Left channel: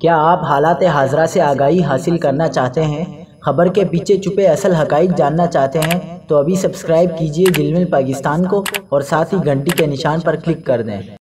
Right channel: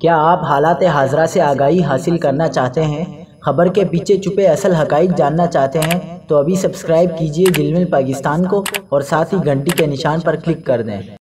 क्या आप हालात हाज़रा से आगाही हासिल करना चाहते हैं? खबर के पीछे छुपे असल हक़ाइक़ जानना चाहते हैं? तो अभी सब्सक्राइब कीजिए ज़िलमिल पाकिस्तान को और साथ ही घंटी के निशान पर क्लिक कर दें।